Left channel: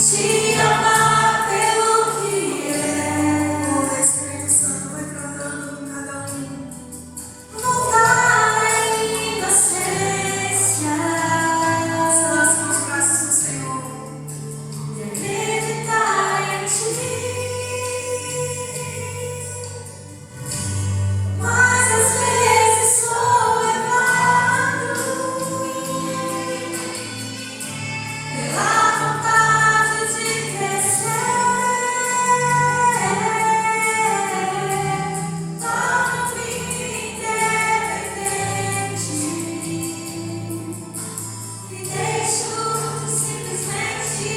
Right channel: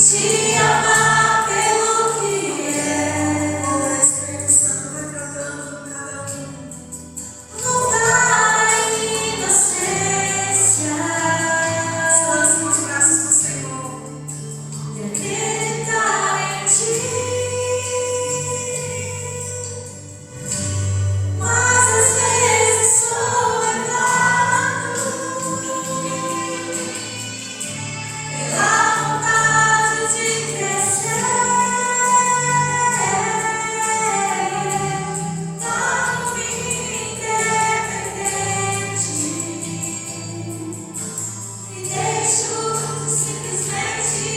te amar pelo que é. O Espírito Santo vai tratando cada um. Voltar em inocência, lança nos braços do Senhor e acreditar em ti. Mas às vezes sou levado pela vontade de crescer. Torno-me independente e deixo simplesmente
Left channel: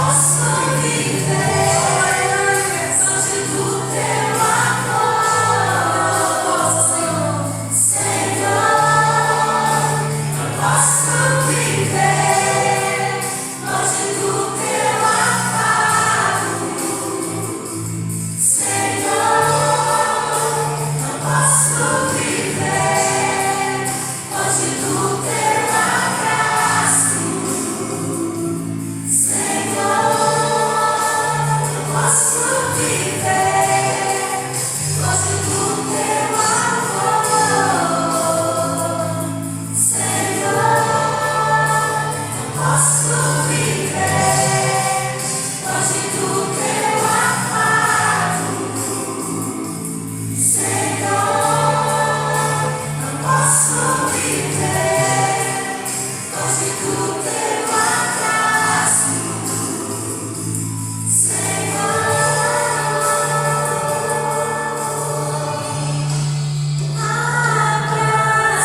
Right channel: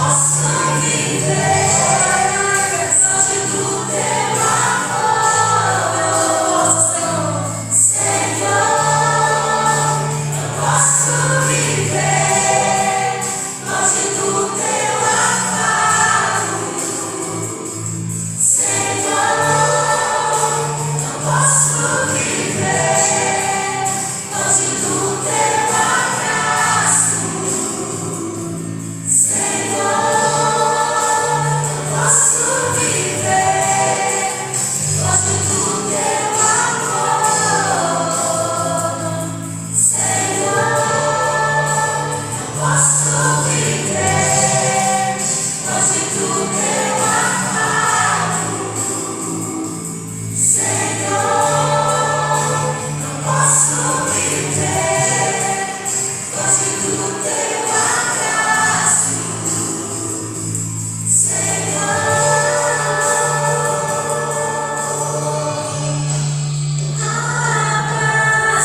posso viver longe do teu amor, Senhor. Eu posso viver longe do teu afago, Senhor. Eu posso viver longe do teu abraço, Senhor. Eu posso viver longe do teu amor, Senhor. Eu posso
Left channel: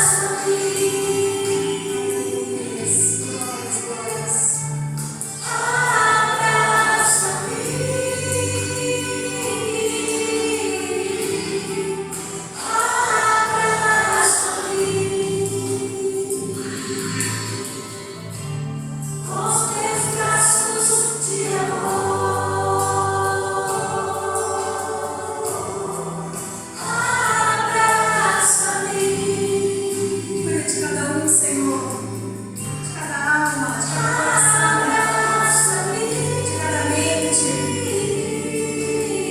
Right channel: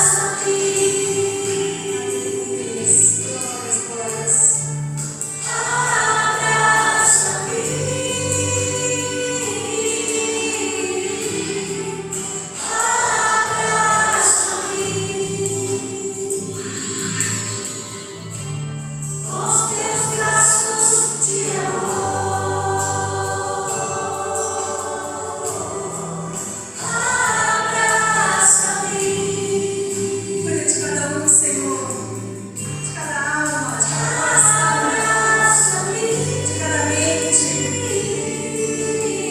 viver longe do teu afago, Senhor. Eu posso viver longe do teu abraço, Senhor. Abraça-me, com teus braços de amor. Abraça-me. Cuida de cada um, Senhor. De cada alma, de cada coração, de cada mente.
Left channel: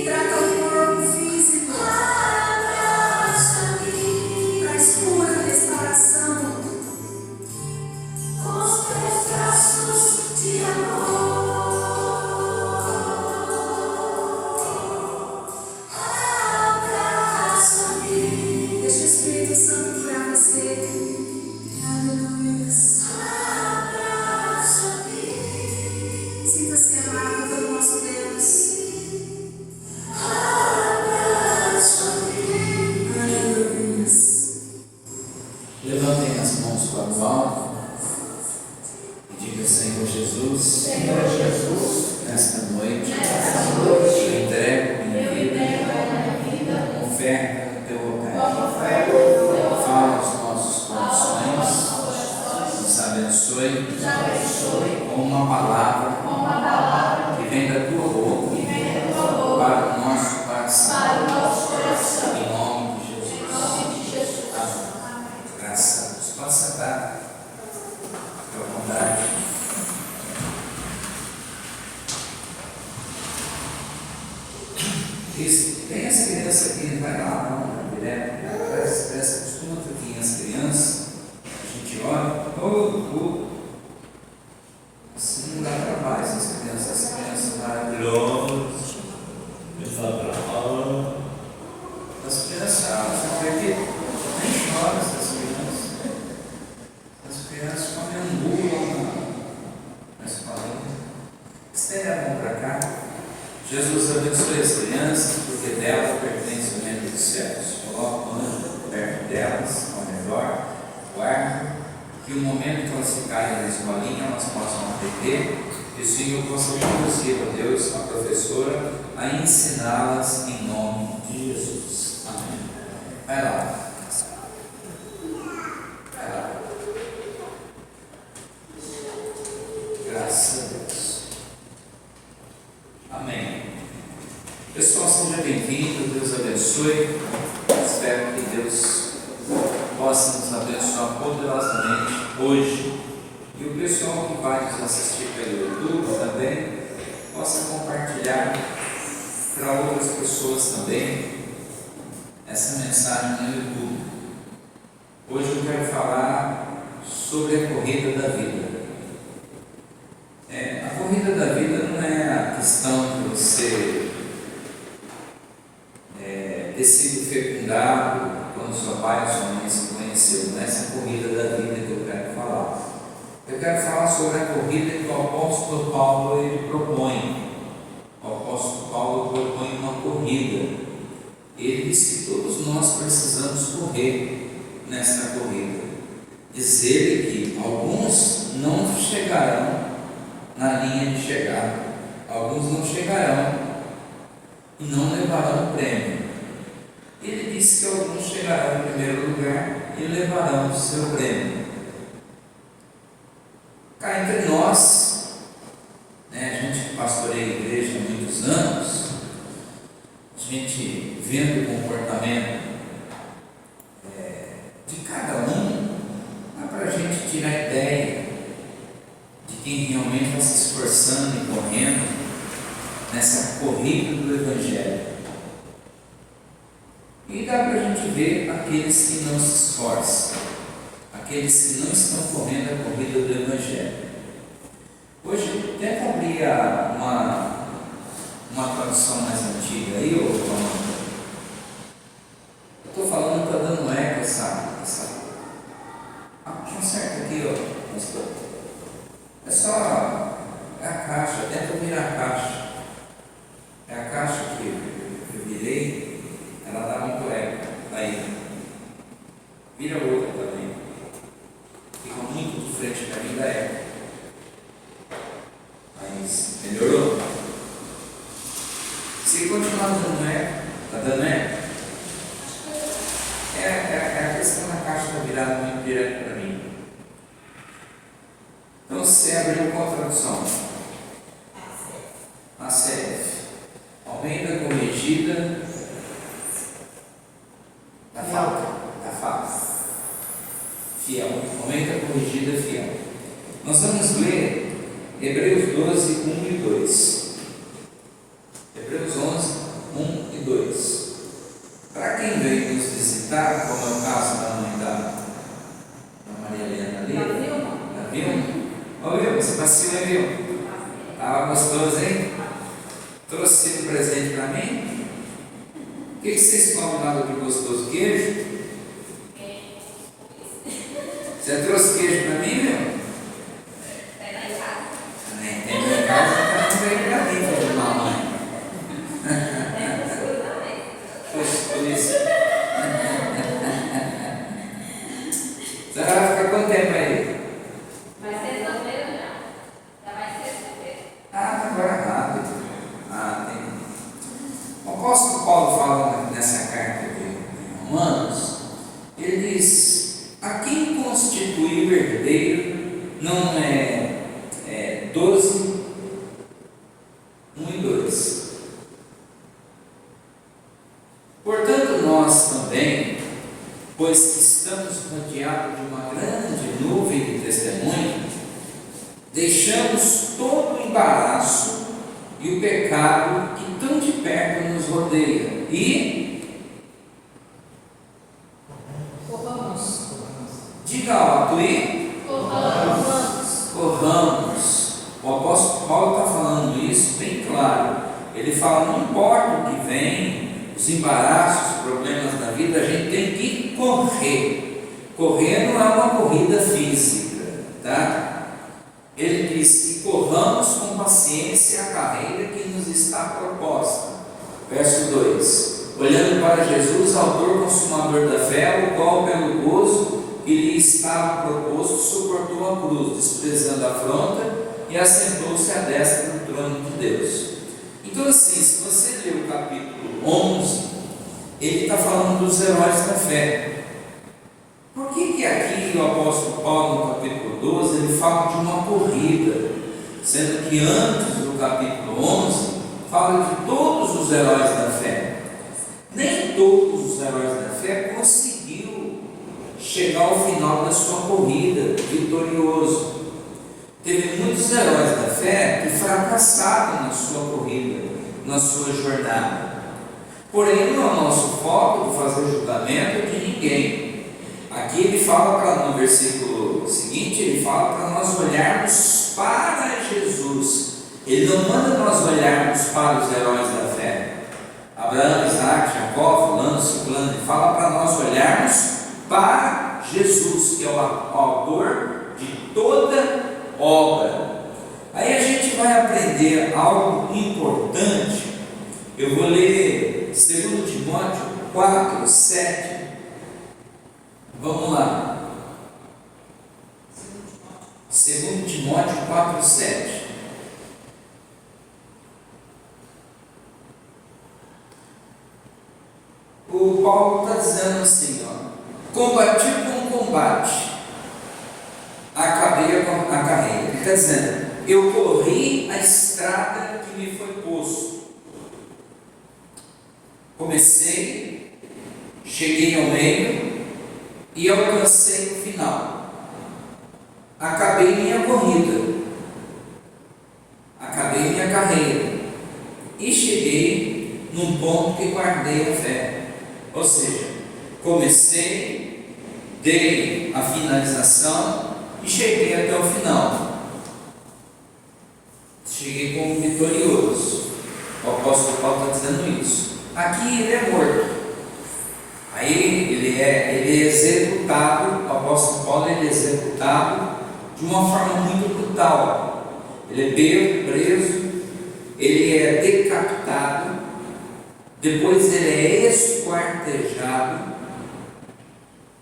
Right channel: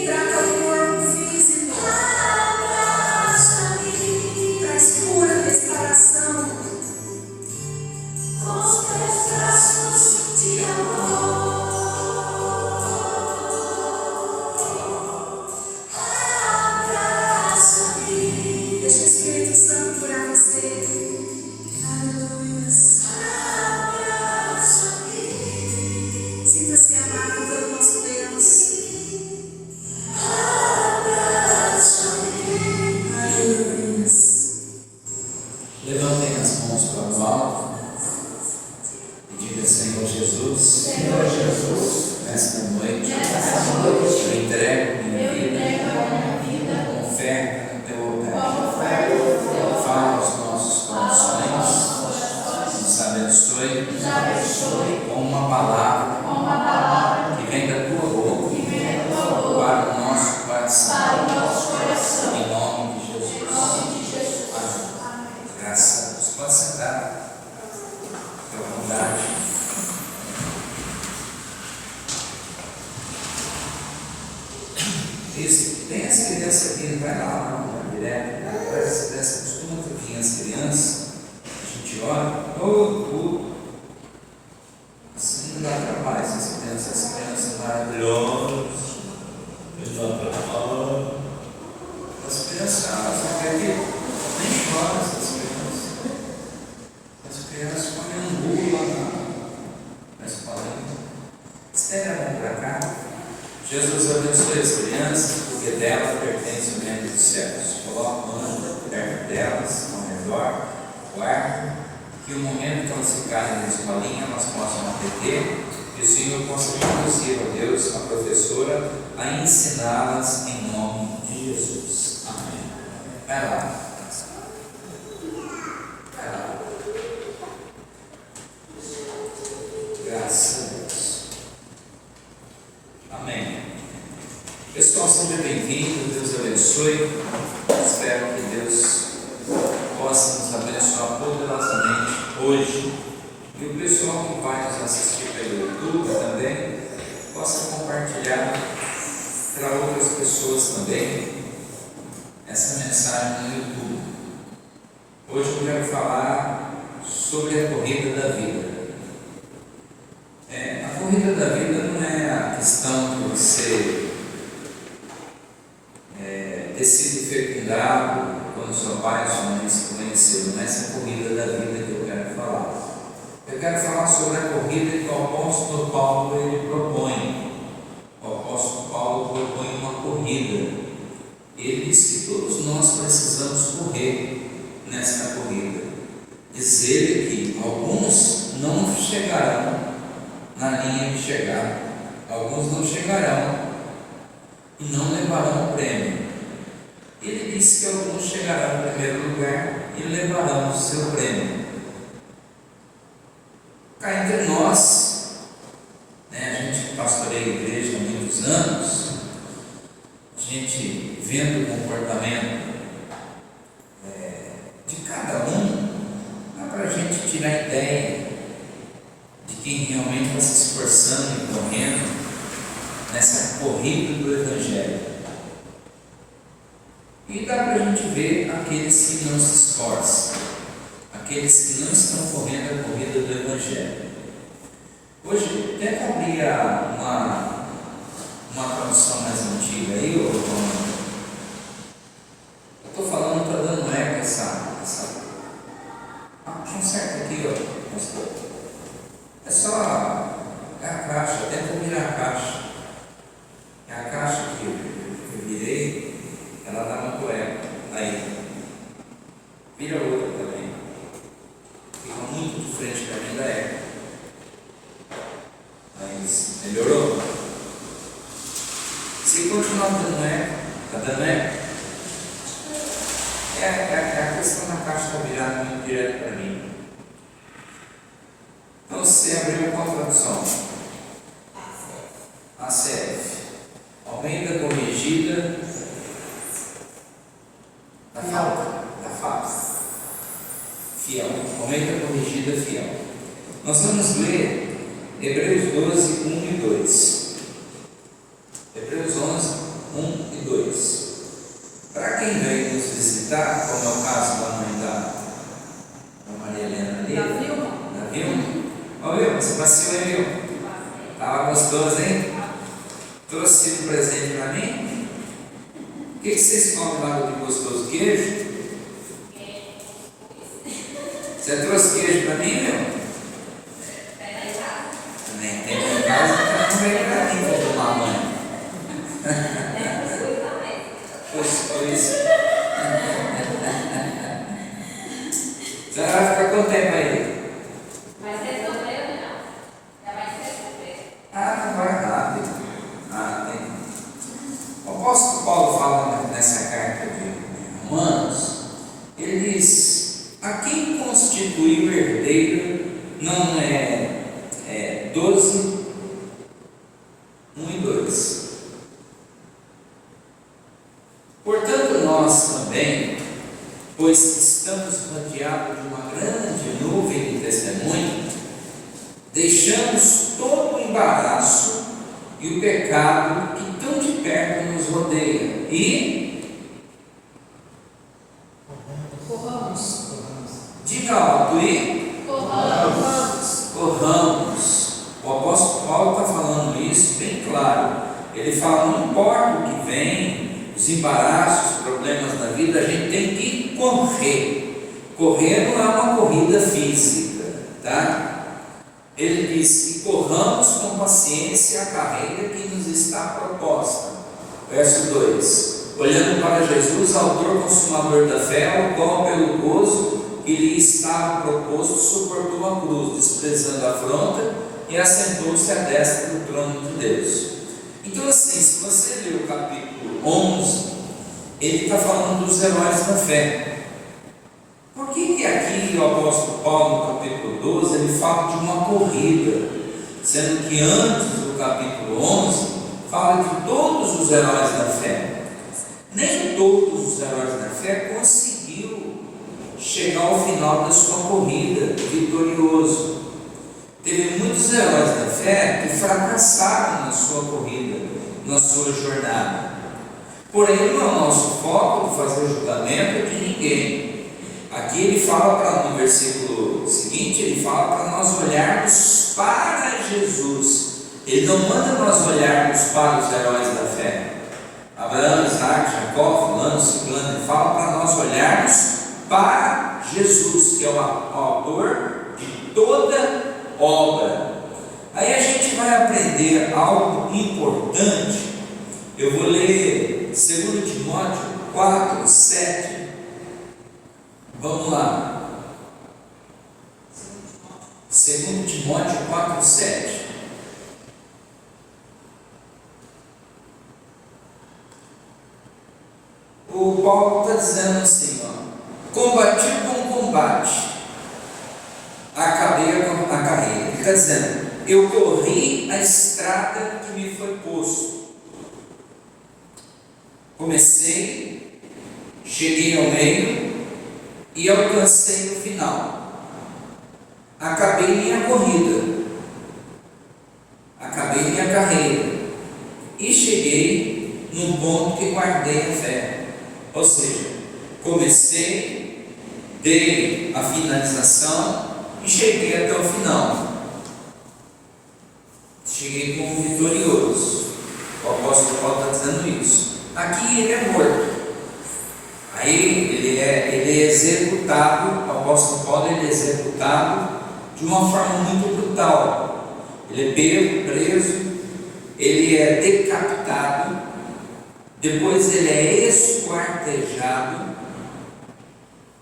Trata o corpo físico. Traz cura, restauração. Com os teus braços de amor. Abraça-me. Deixa o Espírito Santo curar você. Aleluia. Abraça-me. Sinta-se amado pelo nosso Deus. Abraça-me. Aleluia. Levantem as mãos para o alto e diga: Senhor Jesus, nesta noite eu entrego minha vida como oferta no teu altar. Fala aos nossos corações, nos abençoe com uma palavra que vem da tua boca para o nosso coração. Em nome de Jesus. Amém. Graças a Deus. Pode sentar. Fique à vontade. Isso. Tem as crianças aqui, não vai lá, não, direto. Parece costuma vir as crianças, a gente olha, todo culto. Assim não dá trabalho, essas crianças maravilhosas. As crianças, você vê que nem chora essas crianças. As crianças comem angu lá na escolinha. Estende a mão para cá. Jesus abençoe as crianças, porque delas pertence o reino dos céus. Coloca o anjo perto delas, ao redor, guarda, que o momento que elas ficarem na escolinha, elas possam aprender, e o Senhor possa conduzir, ó Deus, a professora a ensiná-las em nome de Jesus. Amém. Vai lá. Graças a Deus. Amém. Pessoal, seja bem-vindo, Deus abençoe. espero que Deus possa nos abençoar poderosamente hoje. E o pessoal que vai nos assistir pelo YouTube também possa compartilhar para outras pessoas também essa mensagem no YouTube. Hoje eu quero falar sobre a corrida da vida. A corrida da vida não é a questão de você ter sido fecundado quando seu pai ou sua mãe se conheceu. Não é essa corrida da vida que eu quero falar. Eu quero falar sobre a corrida que o apóstolo Paulo ele propõe. O apóstolo Paulo propõe uma corrida. Ele diz que todos nós precisamos correr nessa corrida. Diz ele que alguns não chegarão na linha de chegada, alguns não chegarão e não levarão o prêmio. Ele disse que alguns chegarão em primeiro lugar e levarão o seu prêmio. Cá entre nós, a gente que pastoreia a igreja há muitos anos, a gente vendo o comportamento de cada um, dá para a gente tirar ideia de quem realmente está se esforçando e correndo nessa corrida do Evangelho. E dá para a gente ver aqueles que não se esforçam, aqueles que não estão correndo a corrida do Evangelho. Hoje, tenta abrir uma tradução mais antiga aí, ou eu estou falando, está dando eco essa. Conserta aqui, ó, pastor. É só. É a caixa, tenta virar a caixa. É a caixa que eu virei, ela dá muito eco. Aí. Vira outra também. Fica muito de frente para mim da eco. Mas melhorou? Se continuar dando eco, está dando eco? É a questão da caixa está virada muito direto para mim. Então você abriu com a tradução. ACF. Almeida corrigida da falta. Fiel. Almeida corrigida fiel. Nós vamos ler Hebreus 12, 1 e 2. Hebreus 11, 1 e 2. Para quem veio nos visitar, como é o caso da mãe da Maria Helena ali, da Vilma. Ô Vilma, você passeou aí, Vilma? Estava gostoso, hein? Trouxe um presente para mim? O que vocês comem lá do gostoso? Queijo? Você trouxe queijo para mim, Vilma? Nem tem em casa, então não veio para mim, filho de mamãe. Pois. Você vai ficar quanto tempo aí? Vai sexta-feira, não. Já vai sexta-feira. Não vai rápido. Tem. O apóstolo Paulo fala nessa carta de Romanos, ele diz: a quem constitui o herdeiro não é 12, 1 e 2. Portanto, nós também, pois que estamos rodeados de uma grande nuvem de testemunho, deixamos todo o embaraço e o pecado que tão de perto nos rodeia e Corramos. diga alto e corramos. O apóstolo Paulo está falando isso bem claro. Ele fala: não importa o que vem, os embaraços, os problemas da vida, a gente tem que correr. Correr não é uma corrida física, tá? Ele diz que corramos com paciência a carreira que nos está proposta. Verso 2: olhando para Jesus, autor consumador da fé, o qual pelo gozo que lhe estava proposto suportou a cruz, desprezando a afronta, e assentou-se à destra do trono de Deus. Então, assim, se você ler o capítulo 11, ele está falando dos heróis da fé. Por que aqui o apóstolo Paulo, no capítulo 12, ele fala de uma corrida, sendo que antes do capítulo 11 fala de todos os heróis da fé? Nem todos os heróis da fé conseguiu chegar ao final da sua corrida vitorioso. Teve muitos heróis da fé que fracassaram na sua corrida, na sua jornada. Porém, não é o nosso foco de fazer julgamento de ninguém. Aqui ele fala, no versículo seguinte, ele fala para nós olharmos para Jesus. Ele não manda nós olharmos para os heróis da fé. Abraão, Isaac, Jacó, fulano, ciclano, ele fala para nós olharmos para Jesus, que é o autor de toda obra. Aí a gente vai aprender algo importante. Eu vou ler 2 Timóteo 4, 7. Vamos lá. 2 Timóteo 4, 7. O Paulo está dizendo assim, combati com combate, acabei a carreira. Ele está dizendo, eu corri a estrada que me foi posto. Comecei, cheguei ao meio e alcancei o final. Acabei minha corrida, acabei minha carreira e cheguei num ponto que guardei a fé. Ou seja, comecei, dei a finalização e cheguei até o final. Cheguei como vitorioso. O apóstolo Paulo está dizendo isso. Aqui ele é morto. Aí ele é executado. O apóstolo Paulo ele é executado de uma forma muito brutal. Ele é pego, preso, ele é decapitado. Depois ele é esquartejado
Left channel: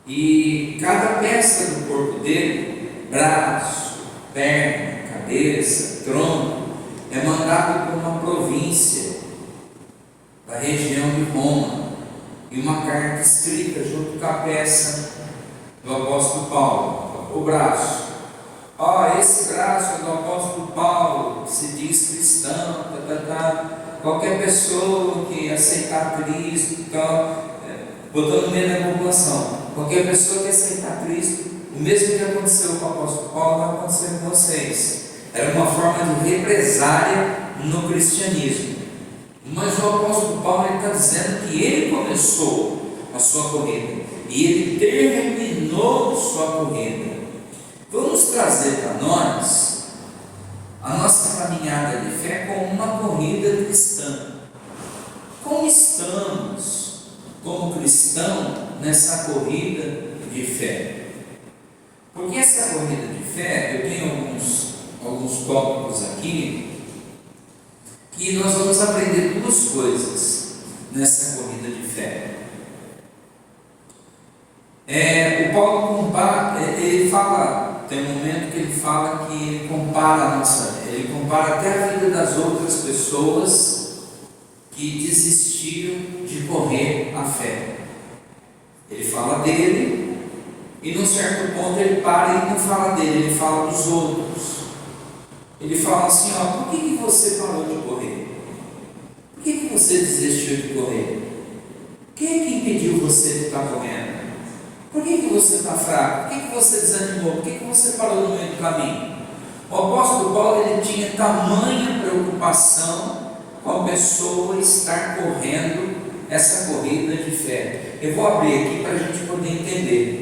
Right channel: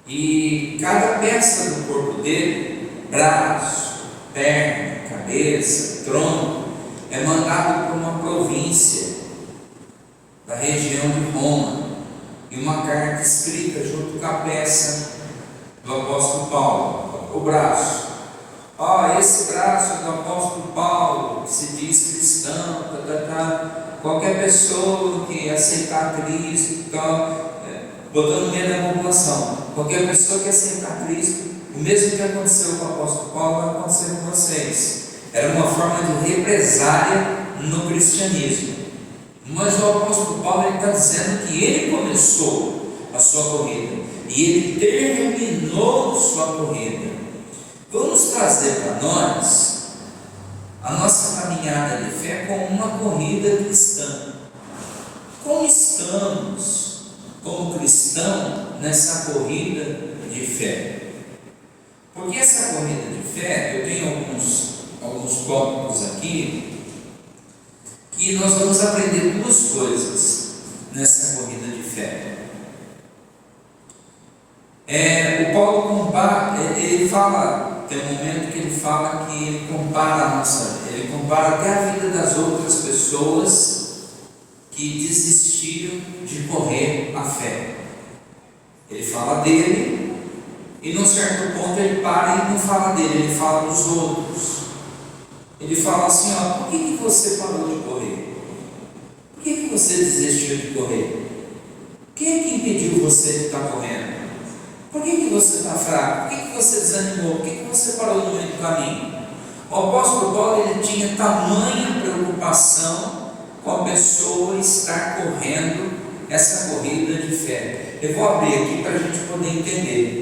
e cada peça do corpo dele, braço, perna, cabeça, tronco, é mandado para uma província da região de Roma e uma carta escrita junto com a peça do apóstolo Paulo, o braço. Esse braço do apóstolo Paulo, que se diz cristão, qualquer pessoa que aceitar Cristo, botando no meio da população, qualquer pessoa que aceitar Cristo, o mesmo que aconteceu com o apóstolo Paulo vai acontecer com vocês. Era uma forma de represália no cristianismo. Mas o apóstolo Paulo está dizendo que ele começou a sua corrida e ele terminou sua corrida. Vamos trazer para nós a nossa caminhada de fé como uma corrida cristã. Como estamos, como cristão, nessa corrida de fé? Porque essa corrida de fé, eu tenho alguns tópicos aqui, que nós vamos aprender duas coisas nessa corrida de fé. O Paulo compara, ele fala. Tem um momento que ele fala que ele compara até a vida das outras pessoas que desistiram de correr a fé. Ele fala dele e num certo ponto ele para e não fala dele, ele fala dos outros. Ele fala assim, por que você parou de correr? Por que você desistiu de correr? Quem é que impediu você de estar correndo? Por que você está fraco? Por que você desanimou? Por que você parou no meio do caminho? O apóstolo Paulo ele tinha tamanha preocupação com a pessoa estar correndo essa corrida de fé. Eu vou abrir aqui para a gente poder entender.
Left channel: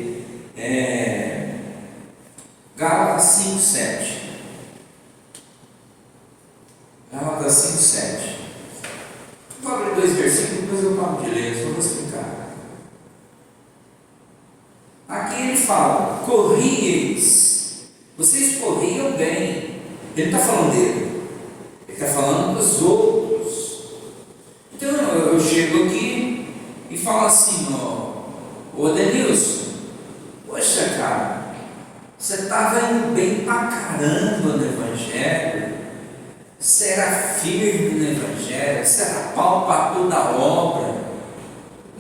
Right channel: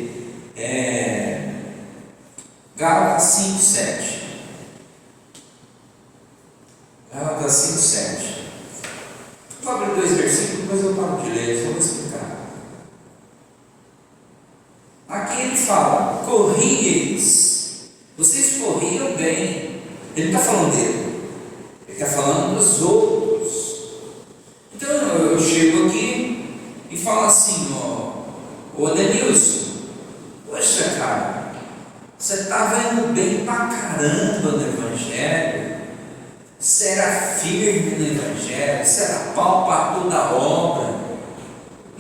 Gálatas 5:7. Gálatas 5:7. Vou abrir 2 versículos, depois eu paro de ler, só vou explicar. Aqui ele fala, corrieis, vocês corriam bem. Ele não está falando dele, ele está falando dos outros. Então eu chego aqui e falo assim, ô Denilson, poxa cara, você estava indo bem pra caramba no Evangelho, você era firme no Evangelho, você era pau para toda a obra.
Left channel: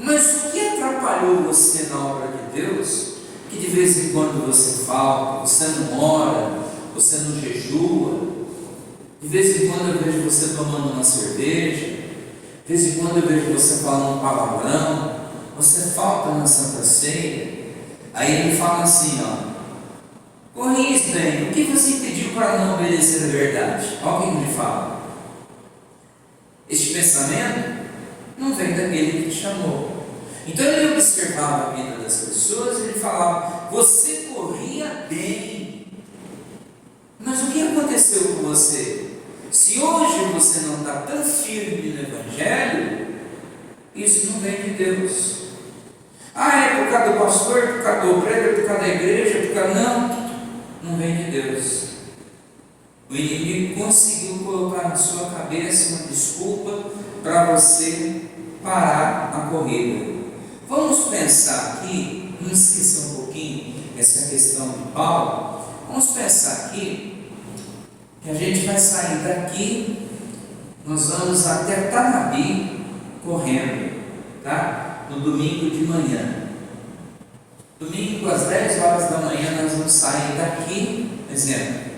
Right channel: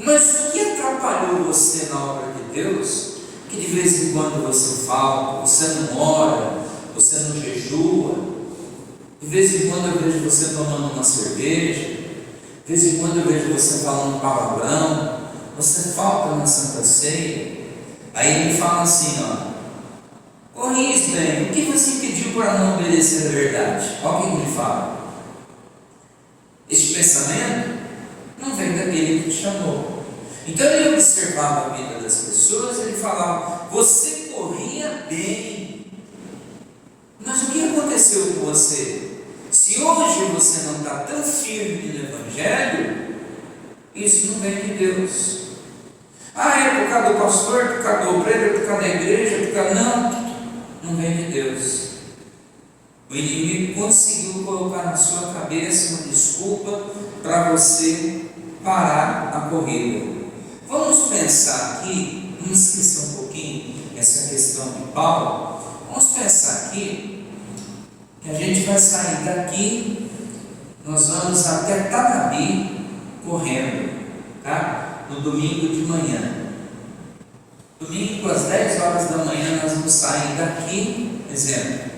Mas o que atrapalhou você na obra de Deus? Que de vez em quando você falta, você não ora, você não jejua. De vez em quando eu vejo você tomando uma cerveja. De vez em quando eu vejo você falando palavrão, você falta na Santa Ceia. Aí ele fala assim, ó, corrige bem, o que você pediu para não obedecer a verdade? Alguém me fala. Este pensamento não vem daquele que te chamou. Então ele observava a vida das pessoas e ele falava, você corria bem, mas o que aconteceu com você? Se hoje você não está tão firme no Evangelho, isso não vem de Deus. É por causa do pastor, por causa do obreiro, por causa da igreja, por causa... Não vem de Deus. O inimigo conseguiu colocar na sua cabeça uma desculpa para você parar a corrida. Vamos pensar aqui, vamos esquecer um pouquinho essa questão de Paulo. Vamos pensar aqui que a gente vai sair daqui, nós vamos até Tanabi correndo, tá? No domingo de manhã. Domingo às 10 horas da manhã nós vamos sair daqui, exemplo,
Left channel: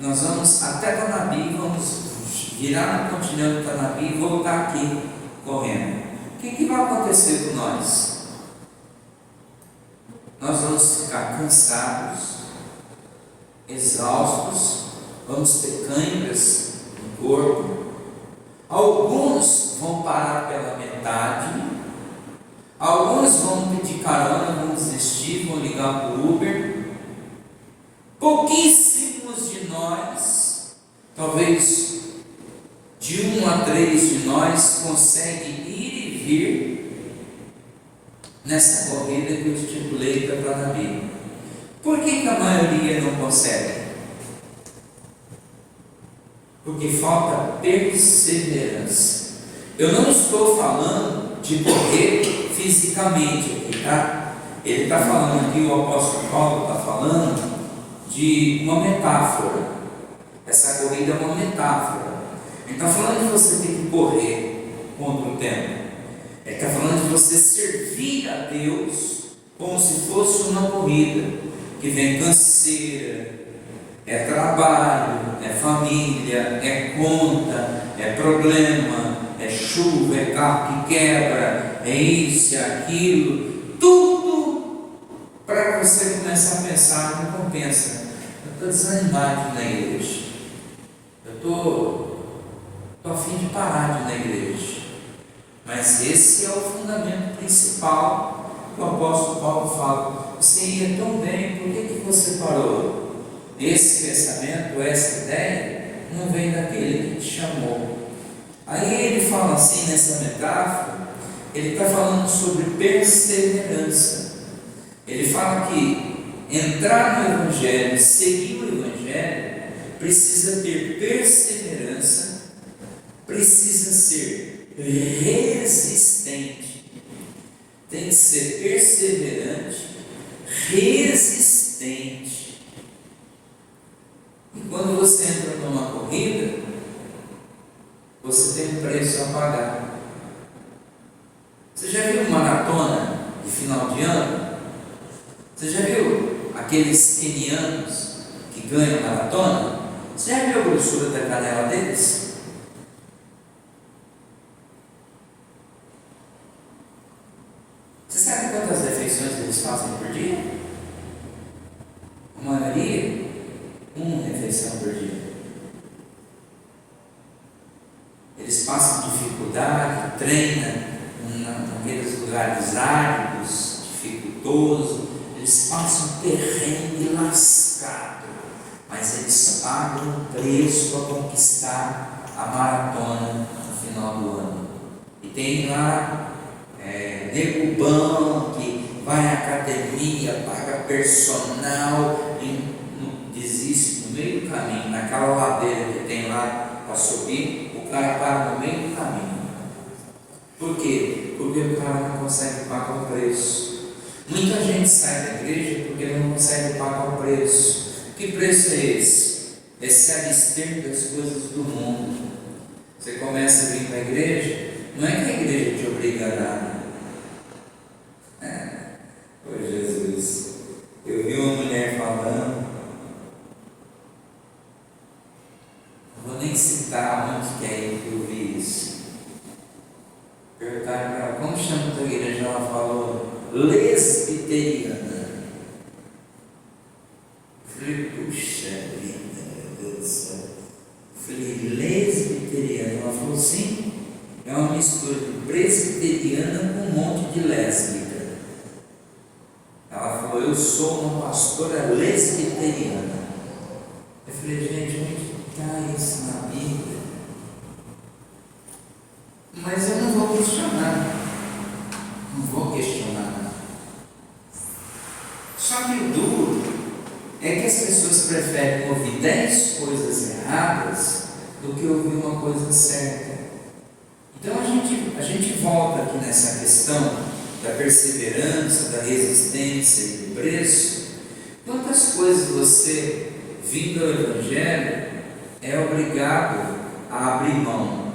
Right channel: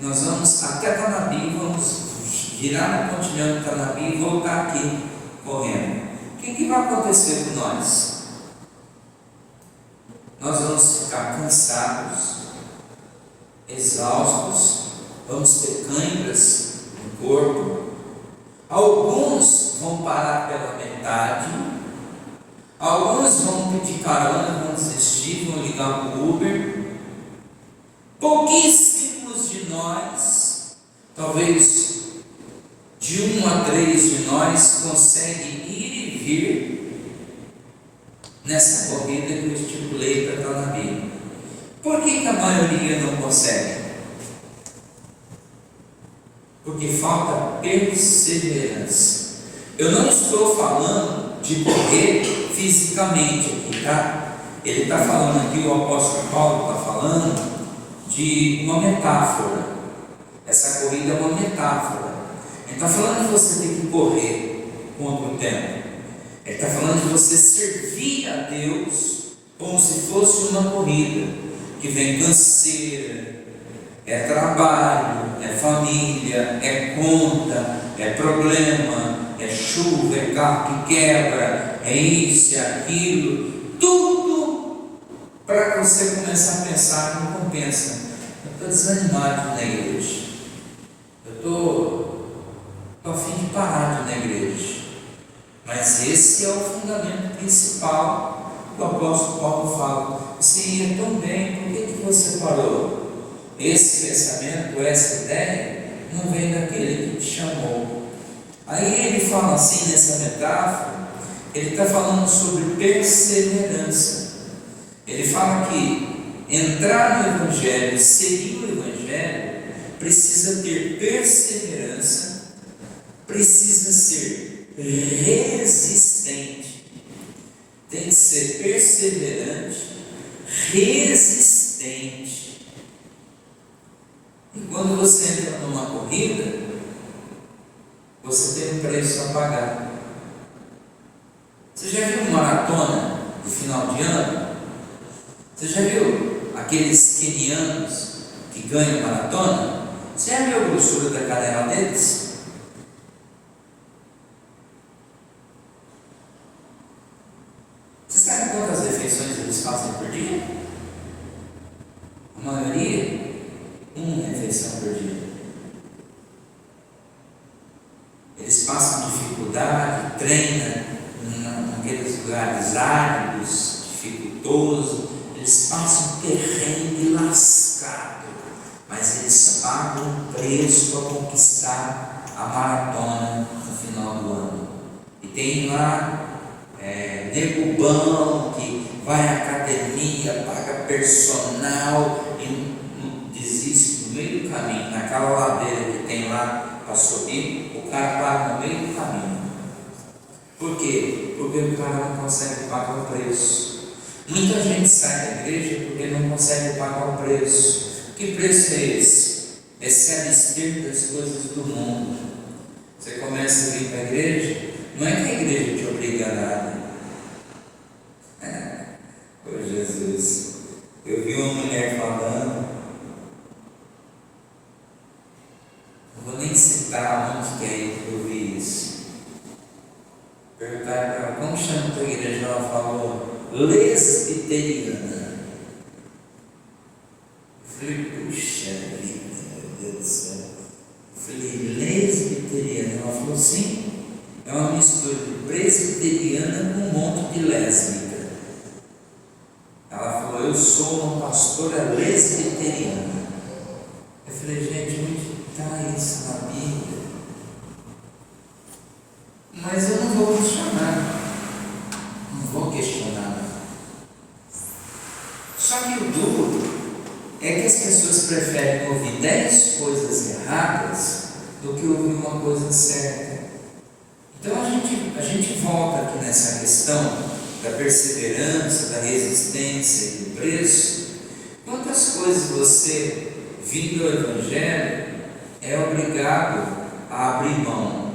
nós vamos até Tanabi, vamos virar no continente Tanabi e voltar aqui correndo. O que vai acontecer com nós? Nós vamos ficar cansados, exaustos, vamos ter câimbras no corpo, alguns vão parar pela metade, alguns vão pedir carona, vão desistir, vão ligar para o Uber. Pouquíssimos de nós, talvez de 1 a 3 de nós, conseguem ir e vir nessa corrida que eu estipulei para Tanabi. Por que a maioria não consegue? Porque falta perseverança. Eu não estou falando de correr fisicamente aqui, tá? Ele está falando aqui, o apóstolo Paulo está falando de uma metáfora. Essa corrida é uma metáfora. Ele está falando de você ter que correr contra o tempo. Ele está falando de você servir a Deus como se fosse uma corrida, que vem canseira, é trabalho, é família, é conta, é problema, é chuva, é carro que quebra, é isso, é aquilo, tudo para você começar a pensar, não compensa. Eu estou desanimado na igreja, eu estou a fim de parar de ir na igreja, mas esse é o fundamento principal que o apóstolo Paulo fala. Você ia tão bem, por que você parou? Esse pensamento, essa ideia, não vem daquele que te chamou. Aí ele fala assim nessa metáfora, ele está falando sobre perseverança. Ele fala que entrar no Evangelho, seguir o Evangelho, precisa ter perseverança, precisa ser resistente, tem que ser perseverante, resistente. E quando você entra numa corrida, você tem um preço a pagar. Você já viu maratona de final de ano? Você já viu aqueles quenianos que ganham maratona? Você já viu a grossura da canela deles? Você sabe quantas refeições eles fazem por dia? A maioria, uma refeição por dia. Eles passam dificuldade, treinam naqueles lugares áridos, dificultosos, eles passam terreno lascado, mas eles pagam um preço para conquistar a maratona no final do ano. E tem lá nego bom que vai à academia, paga personal e desiste no meio do caminho, naquela ladeira que tem lá para subir, o cara para no meio do caminho. Por quê? Porque o cara não consegue pagar o preço. Muita gente sai da igreja porque não consegue pagar o preço. Que preço é esse? É se abster das coisas do mundo. Você começa a vir para a igreja, não é que a igreja te obriga a nada. Ô Jesus, eu vi uma mulher falando, não vou nem citar onde que é que eu vi isso. lesbiteriana. Eu falei, puxa vida, meu Deus do céu. Eu falei, lesbiteriana? Ela falou, sim, é uma mistura de presbiteriana com um monte de lésbica. Ela falou, eu sou uma pastora lesbiteriana. Eu falei, gente, onde está isso na Bíblia? Mas eu não vou questionar. Não vou questionar. Só que o duro é que as pessoas preferem ouvir 10 coisas erradas do que ouvir uma coisa certa. Então a gente volta aqui nessa questão da perseverança, da resistência e do preço. Quantas coisas você, vindo ao Evangelho, é obrigado a abrir mão?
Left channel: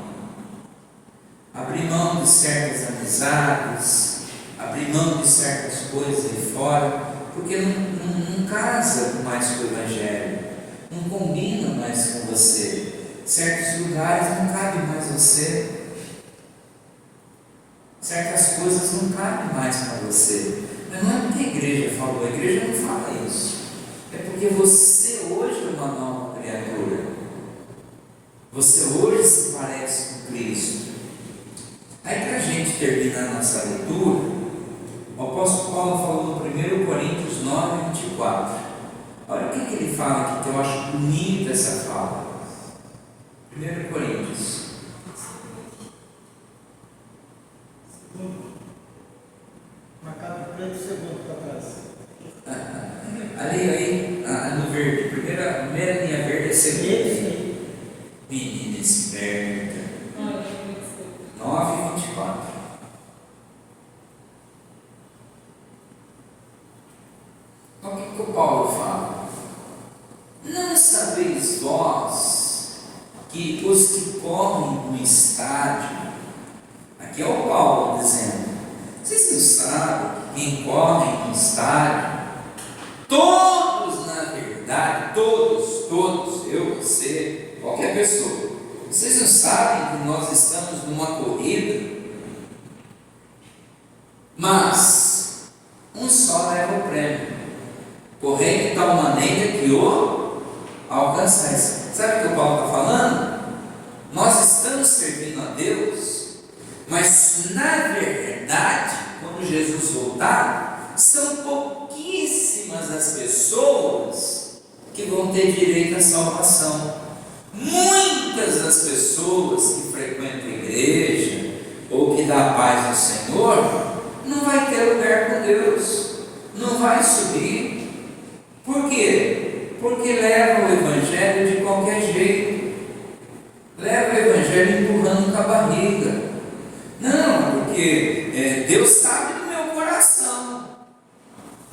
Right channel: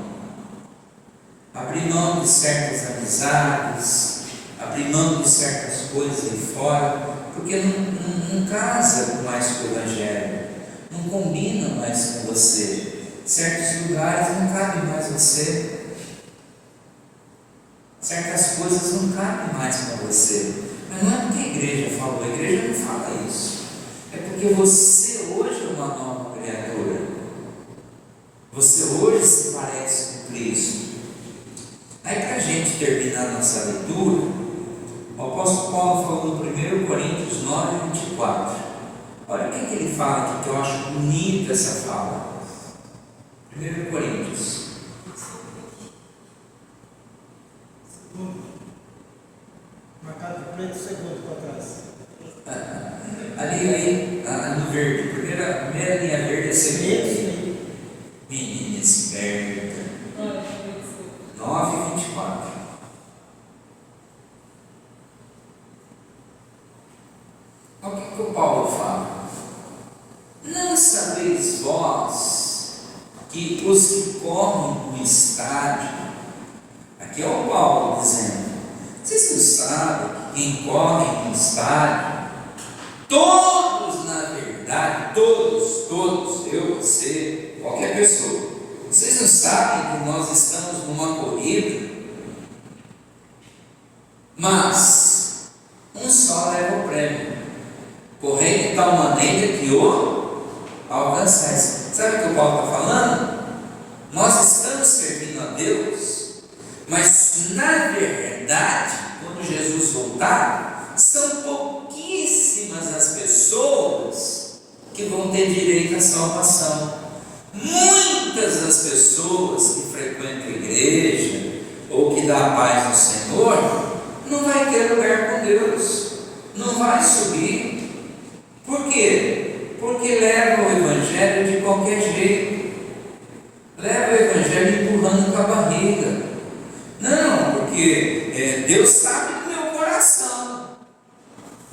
Abrir mão de certas amizades, abrir mão de certas coisas de fora, porque não casa mais com o Evangelho, não combina mais com você. Certos lugares não cabem mais você. Certas coisas não cabem mais para você. Mas não é porque a igreja falou, a igreja não fala isso. É porque você hoje é uma nova criatura. Você hoje se parece com Cristo. Aí, para a gente terminar nossa leitura, o apóstolo Paulo falou no 1 Coríntios 9, 24. Olha o que ele fala aqui, que eu acho bonita essa fala. 1 Coríntios. Marcado preto, segundo para trás. Ali, no verde, primeira linha verde é segunda. Menina esperta. 9, 24. Olha o que o Paulo fala. Não sabeis vós que os que correm no estádio, aqui é o Paulo dizendo, vocês não sabem que quem corre no estádio, todos na verdade, todos, eu, você, qualquer pessoa, vocês não sabem que nós estamos numa corrida, mas um só leva o prêmio, correr de tal maneira que o alcançais. Sabe o que o Paulo está falando? Nós estamos servindo a Deus, mas na verdade, quando Jesus voltar, são pouquíssimas as pessoas que vão ter direito à salvação. Muitas das pessoas que frequentam a igreja ou que dá a paz ao Senhor não vai ter lugar com Deus, não vai subir. Por quê? Porque leva o Evangelho de qualquer jeito, leva o Evangelho empurrando com a barriga. Não, porque Deus sabe do meu coração.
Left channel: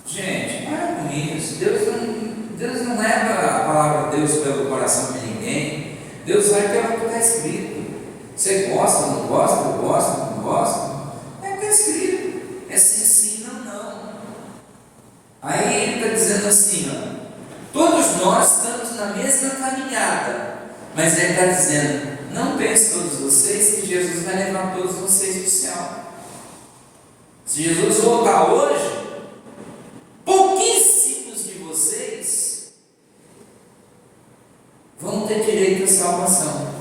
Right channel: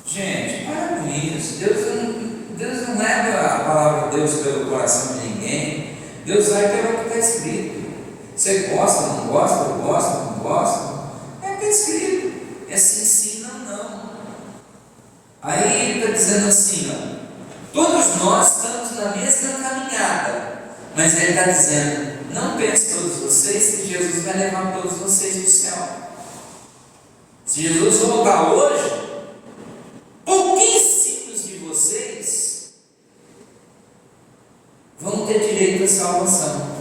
Gente, para com isso. Deus não leva a palavra de Deus pelo coração de ninguém. Deus vai pelo que está escrito. Você gosta, não gosta, gosta, não gosta. É o que está escrito. É sim, não. Aí ele está dizendo assim, ó, todos nós estamos na mesma caminhada, mas ele está dizendo, não pense todos vocês que Jesus vai levar todos vocês para o céu. Se Jesus voltar hoje, pouquíssimos de vocês vão ter direito à salvação.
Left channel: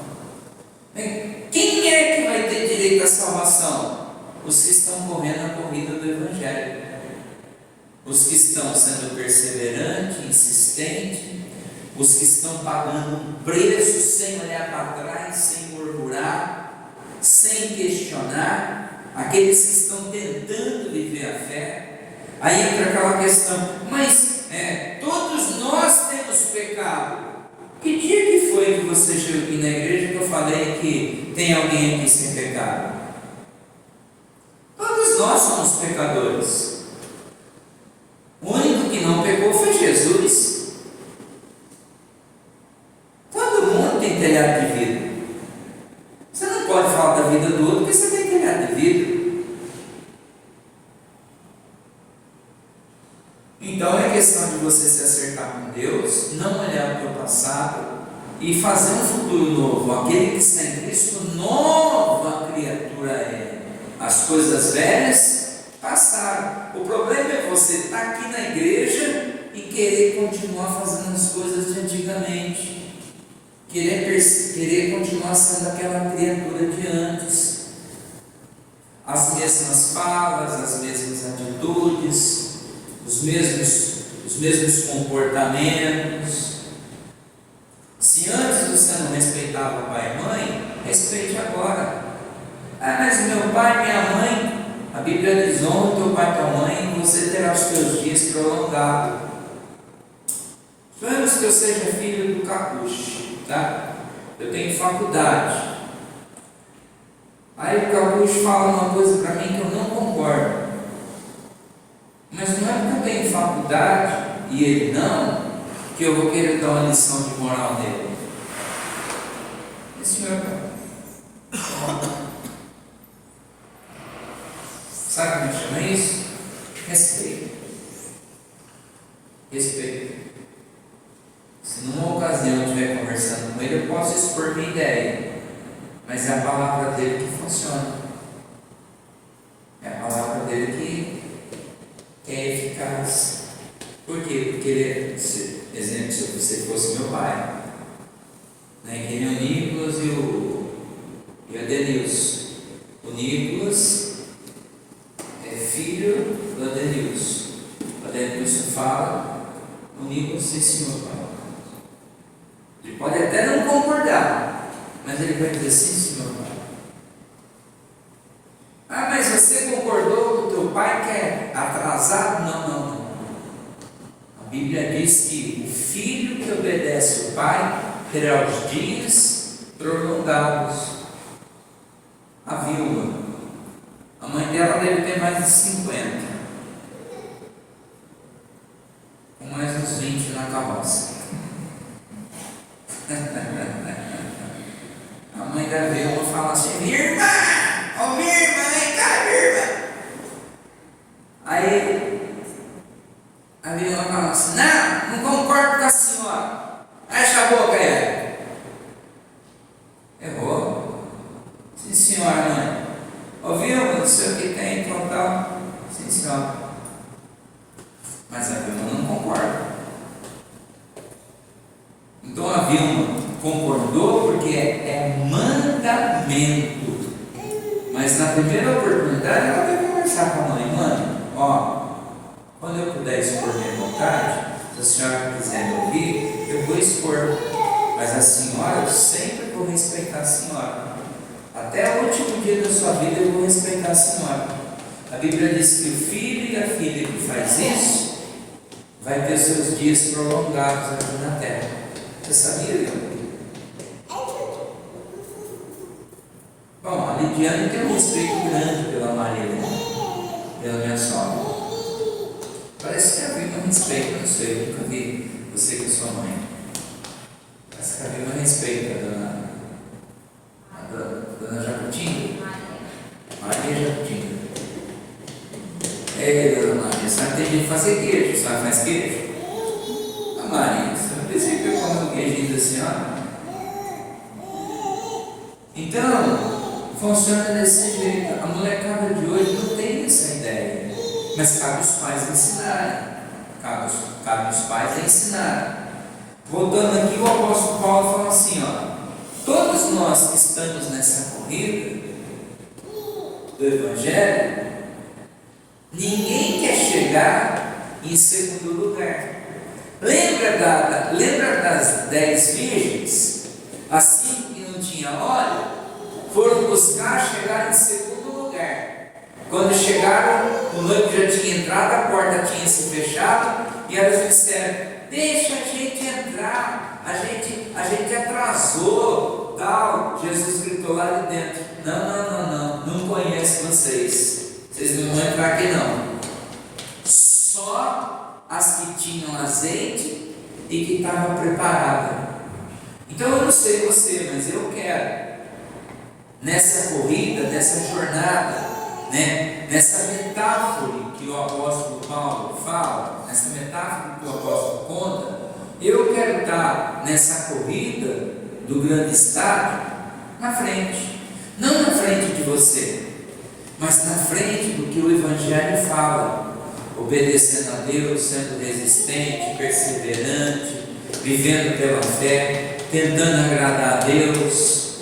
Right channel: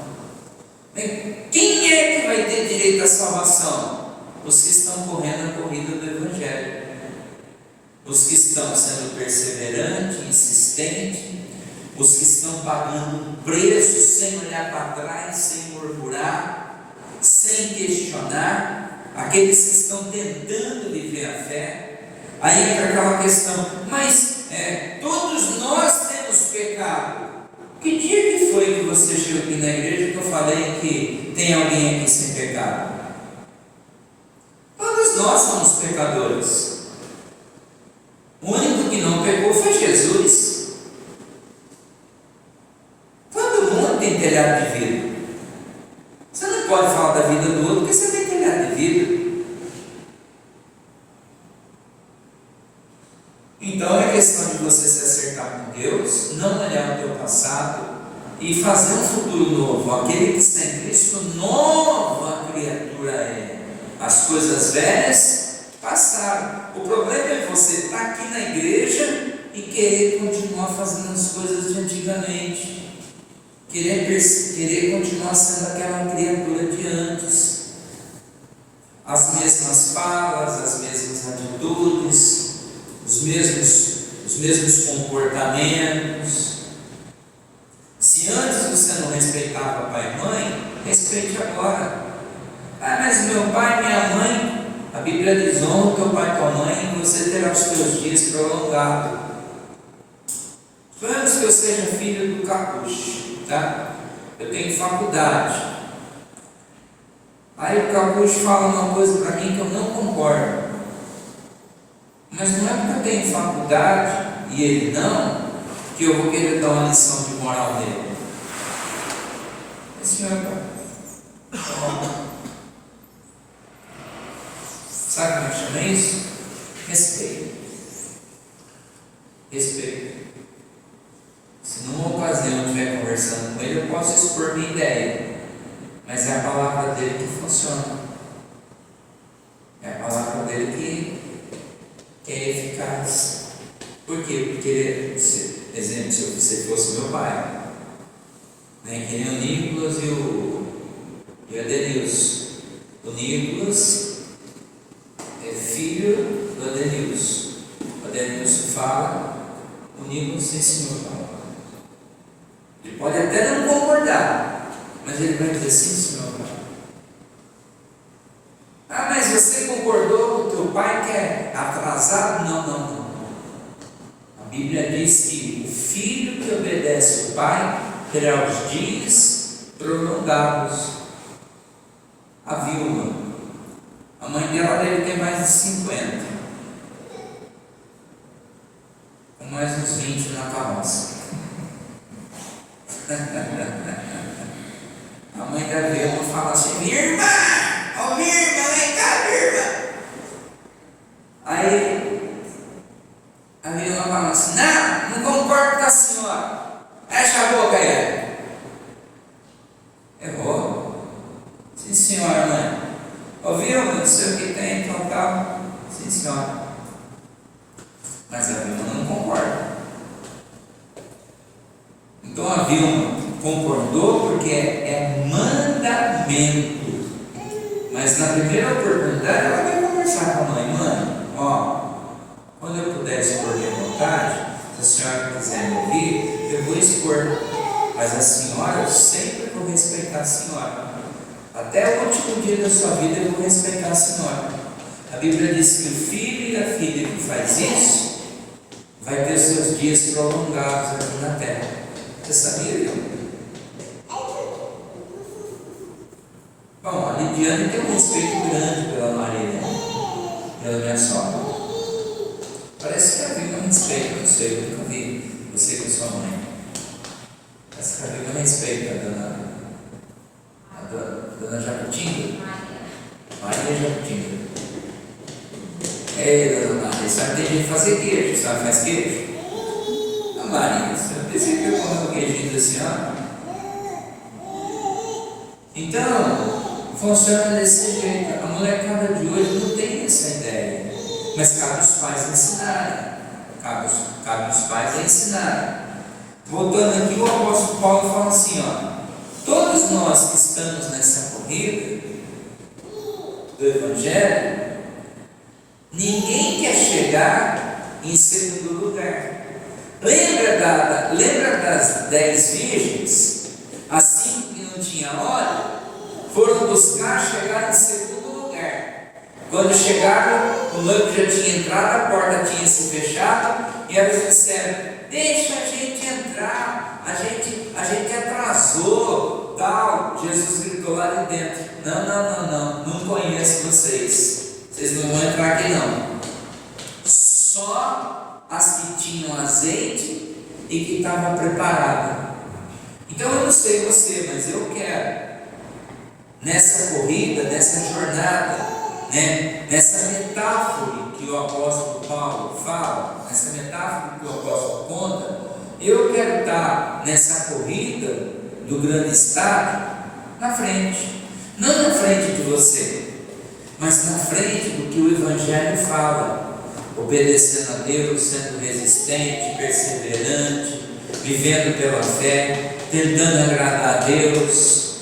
Quem é que vai ter direito à salvação? Os que estão correndo a corrida do Evangelho, os que estão sendo perseverantes, insistentes, os que estão pagando um preço sem olhar para trás, sem murmurar, sem questionar, aqueles que estão tentando viver a fé. Aí entra aquela questão, mas todos nós temos pecado. Que dia que foi que você chegou aqui na igreja que eu falei que tem alguém aqui sem pecado? Todos nós somos pecadores. O único que não pecou foi Jesus. Todo mundo tem telhado de vidro. Você não pode falar da vida do outro porque você tem telhado de vidro. Então é questão de você se acertar com Deus, não olhar o teu passado e fazer um futuro novo. Aquele que está em Cristo, nova criatura é. As coisas velhas passaram. O querer continuar fazendo as coisas de antigamente, querer continuar sendo aquela criatura de antes, as mesmas falas, as mesmas atitudes, os mesmos comportamentos. Se antes você não respeitava pai e mãe, respeite agora. Ah, mas meu pai e minha mãe, a Bíblia diz: honra teu pai e tua mãe, e você terá os teus dias prolongados. Suponhamos que eu seja filho do Capucho, tá? Eu tenho faculdade. Aí o Capucho fala uma coisa para mim que eu não concordo. Mas não é porque eu tenho faculdade e ele não, que eu vou querer dar uma lição de moral nele. Senhor, sabe como é que chama isso? Respeito. Respeito. Se numa ocasião eu estiver conversando com ele, eu posso expor minha ideia, mas é a palavra dele que funciona. É a palavra dele que é eficaz. Por quê? Porque ele, exemplo, se você fosse meu pai, né, que nem o Nicolas e o Adenilson. O Nicolas é filho do Adenilson. O Adenilson fala, o Nicolas sim, senhor, pai. Ele pode até não concordar, mas ele vai dizer sim, senhor, pai. Ah, mas você concordou com o teu pai que é atrasado? Não. A Bíblia diz que o filho que obedece o pai terá os dias prolongados. A Vilma, a mãe dela deve ter mais de 50, com mais uns 20 na carroça. A mãe da Vilma fala assim: minha irmã, minha irmã, vem cá, minha irmã. Aí a Vilma fala assim: não concordo com a senhora. Fecha a boca aí. Errou? Sim, senhora, mãe. Ouviu? Não sei o que tem, tal. Sim, senhora. Mas a Vilma não concorda. Então a Vilma concordou porque é mandamento. Mas na primeira oportunidade ela vai conversar com a mãe: mãe, quando eu puder expor minha vontade, se a senhora quiser me ouvir, eu vou expor, mas a senhora, eu sempre vou respeitar a senhora, até o último dia da sua vida eu vou respeitar a senhora. A Bíblia diz que o filho e a filha que faz isso vai ter seus dias prolongados aqui na terra. Você sabia, não? Bom, a Lidiane tem um respeito grande pela Maria, pela minha sogra. Parece que havia um respeito, não sei, eu nunca vi você com sua mãe. Parece que havia um respeito a dona Jacutinga. Maria Jacutinga. Ei, dona Maria, sabe que tem que fazer queijo, sabe? Faz queijo? A Maria, sabe dizer que eu como um queijinho assim, Então, funciona desse jeito. A molecada de hoje não tem essa ideia. Mas cabe os pais ensinarem. Cabe os pais ensinarem. Voltando aqui, o apóstolo Paulo fala assim: todos nós que estamos nessa corrida do Evangelho, ninguém quer chegar em segundo lugar. Lembra das 10 virgens? Assim que não tinha óleo, foram buscar chegar em segundo lugar. Quando chegaram, o noivo já tinha entrado, a porta tinha se fechado, e elas disseram: deixa a gente entrar, a gente atrasou, tal. Jesus gritou lá de dentro: não conheço vocês não vão entrar aqui não. Só as que tinham azeite e que estavam preparadas. Então eu não sei você, mas eu quero, nessa corrida, nessa jornada, nessa metáfora que o apóstolo Paulo fala, nessa metáfora que o apóstolo conta, eu quero estar nessa corrida do grande estádio na frente, não na frente de você, mas na frente do que o Evangelho fala, obedecendo a Deus, sendo resistente, perseverante, vivendo pela fé, tentando agradar a Deus,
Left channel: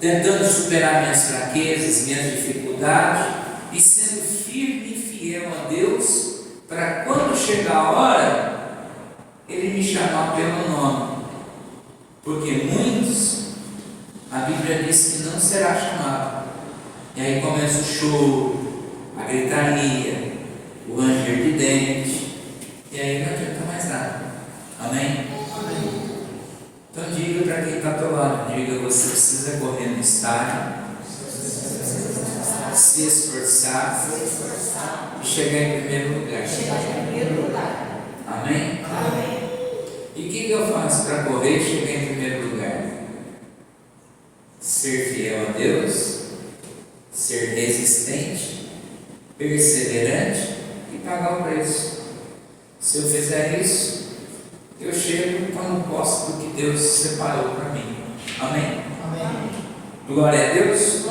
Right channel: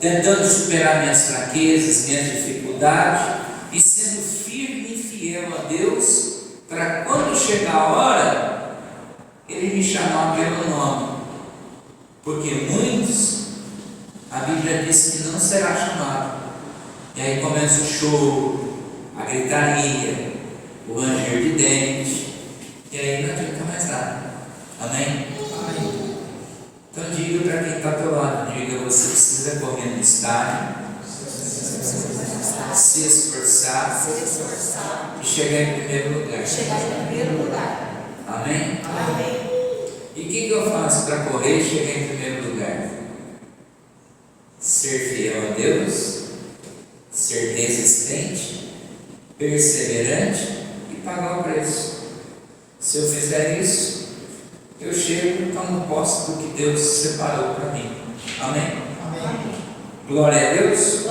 tentando superar minhas fraquezas, minhas dificuldades e sendo firme e fiel a Deus, para quando chegar a hora, Ele me chamar pelo nome. Porque muitos, a Bíblia diz que não será chamado. E aí começa o choro, a gritaria, o ranger de dente, e aí não adianta mais nada. Amém? Então diga para quem está ao teu lado, diga, você precisa correr no estádio, se esforçar e chegar em primeiro lugar. Amém? E o que eu faço para correr e chegar em primeiro lugar? Ser fiel a Deus, ser resistente, perseverante e pagar o preço. Se eu fizer isso, eu chego e tomo posse do que Deus separou para mim. Amém? Glória a Deus.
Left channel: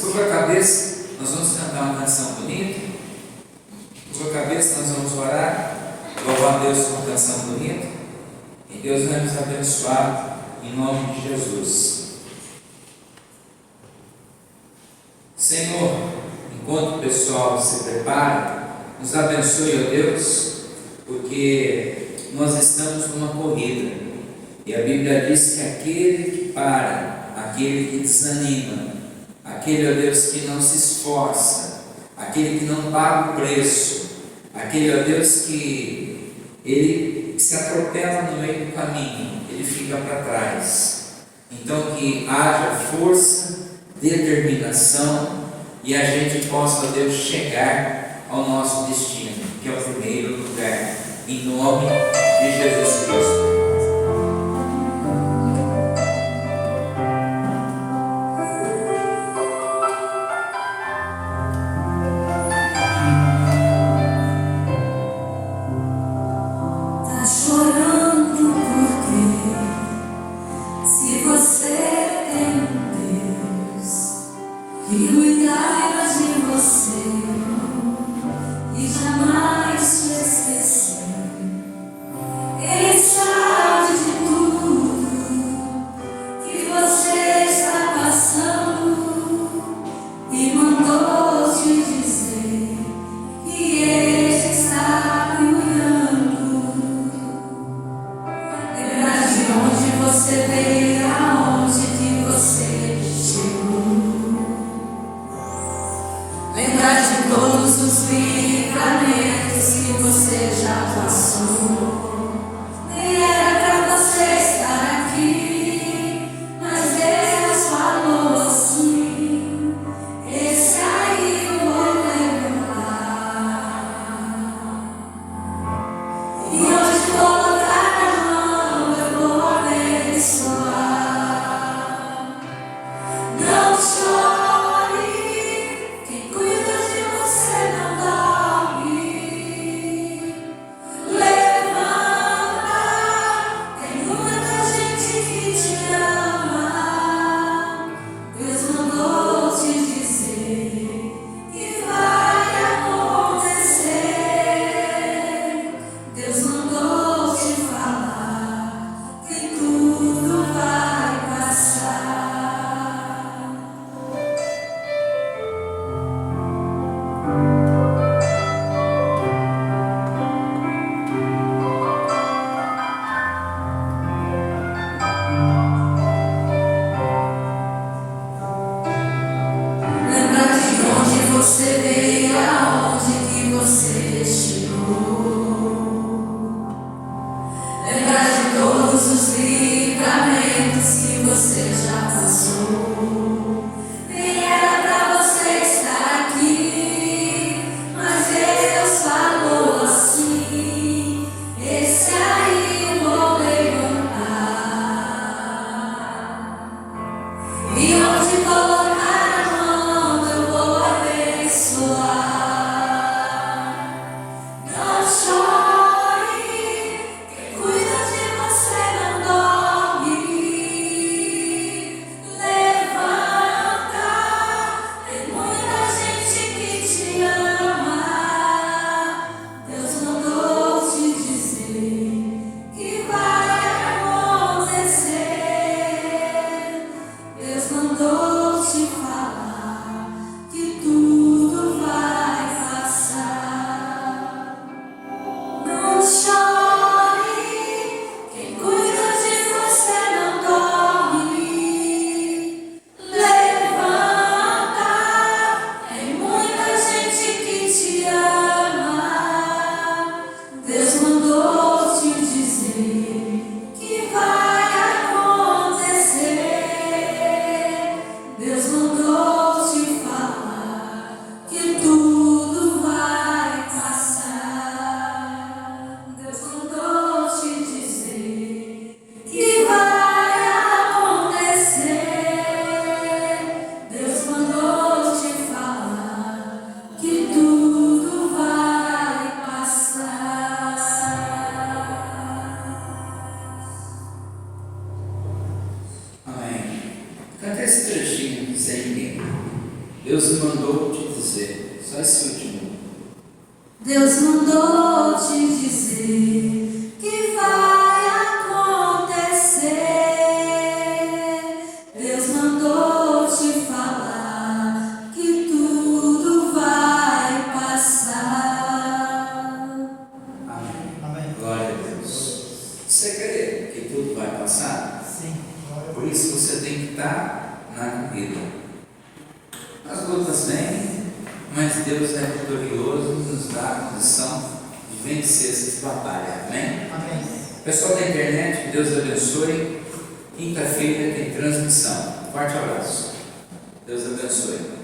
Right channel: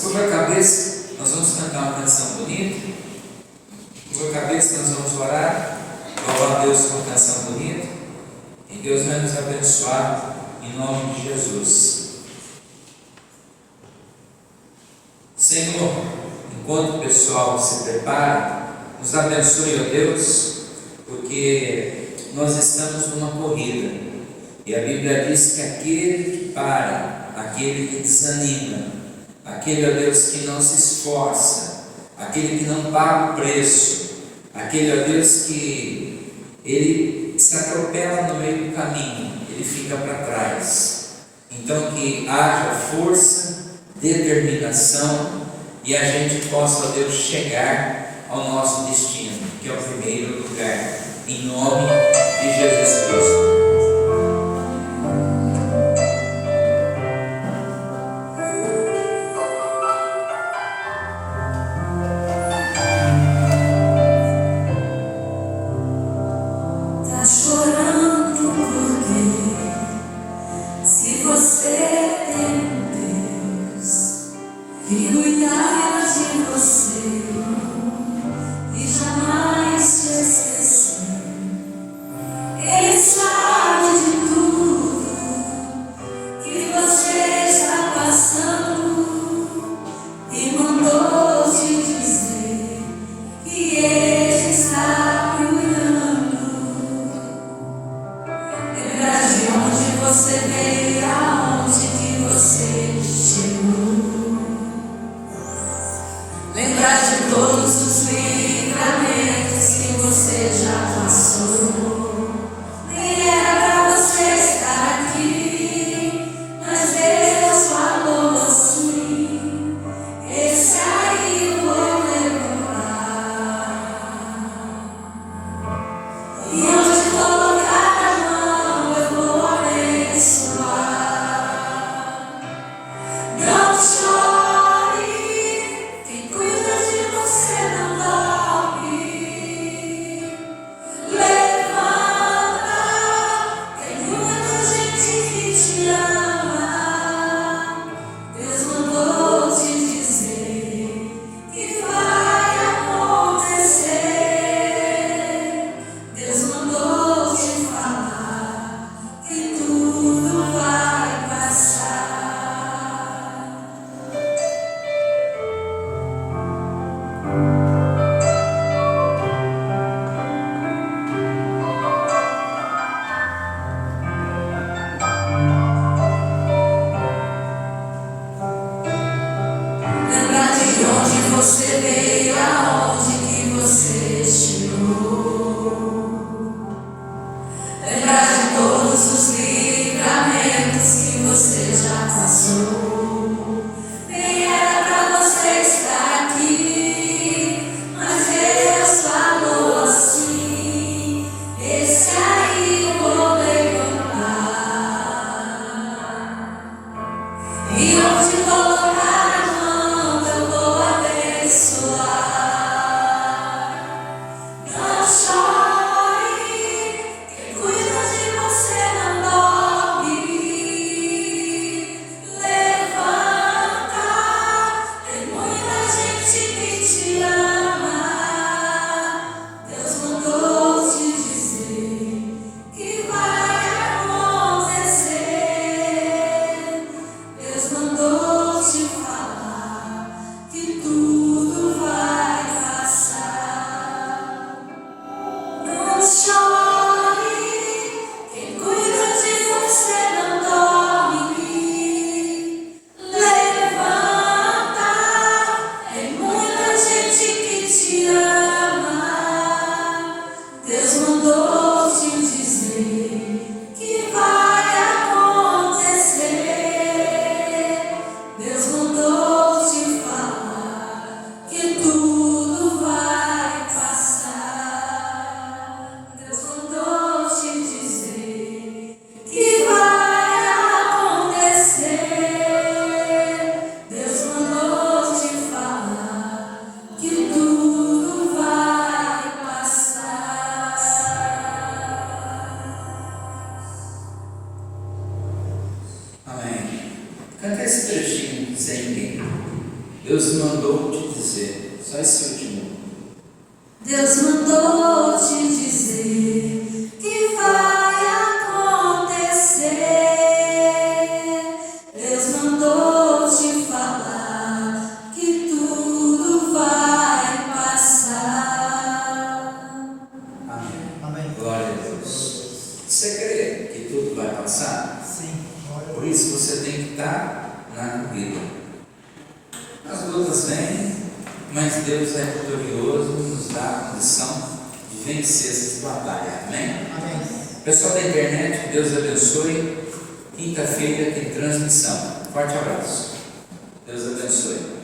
Curva a cabeça, nós vamos cantar uma canção bonita. Curva a cabeça, nós vamos orar, louvar a Deus com uma canção bonita. E Deus vai nos abençoar em nome de Jesus. Senhor, enquanto o pessoal se prepara, nos abençoe, ó Deus, porque nós estamos numa corrida. E a Bíblia diz que aquele que para, aquele que desanima, aquele, ó Deus, que não se esforça, aquele que não paga o preço, aquele, ó Deus, que ele se atropela no meio do caminho, ele fica para trás. Então que haja força, determinação e a gente possa, ó Deus, chegar ao nosso destino, que é o primeiro lugar, em nome de Jesus Cristo. Ele está Deus mandou te dizer, só esse último. Deus mandou te dizer que vai acontecer. Deus mandou te falar que tudo vai passar. Amém. Amém. Glória a Deus. Você crê que tudo vai passar? Sim. Por isso você tem que estar na corrida. As lutas vêm, mas Deus é vitorioso e nos dá a condição de vencer essas batalhas. Amém? Amém. Pessoal da internet, que Deus abençoe. Quinta-feira tem transmissão. Forte abraço. Deus abençoe.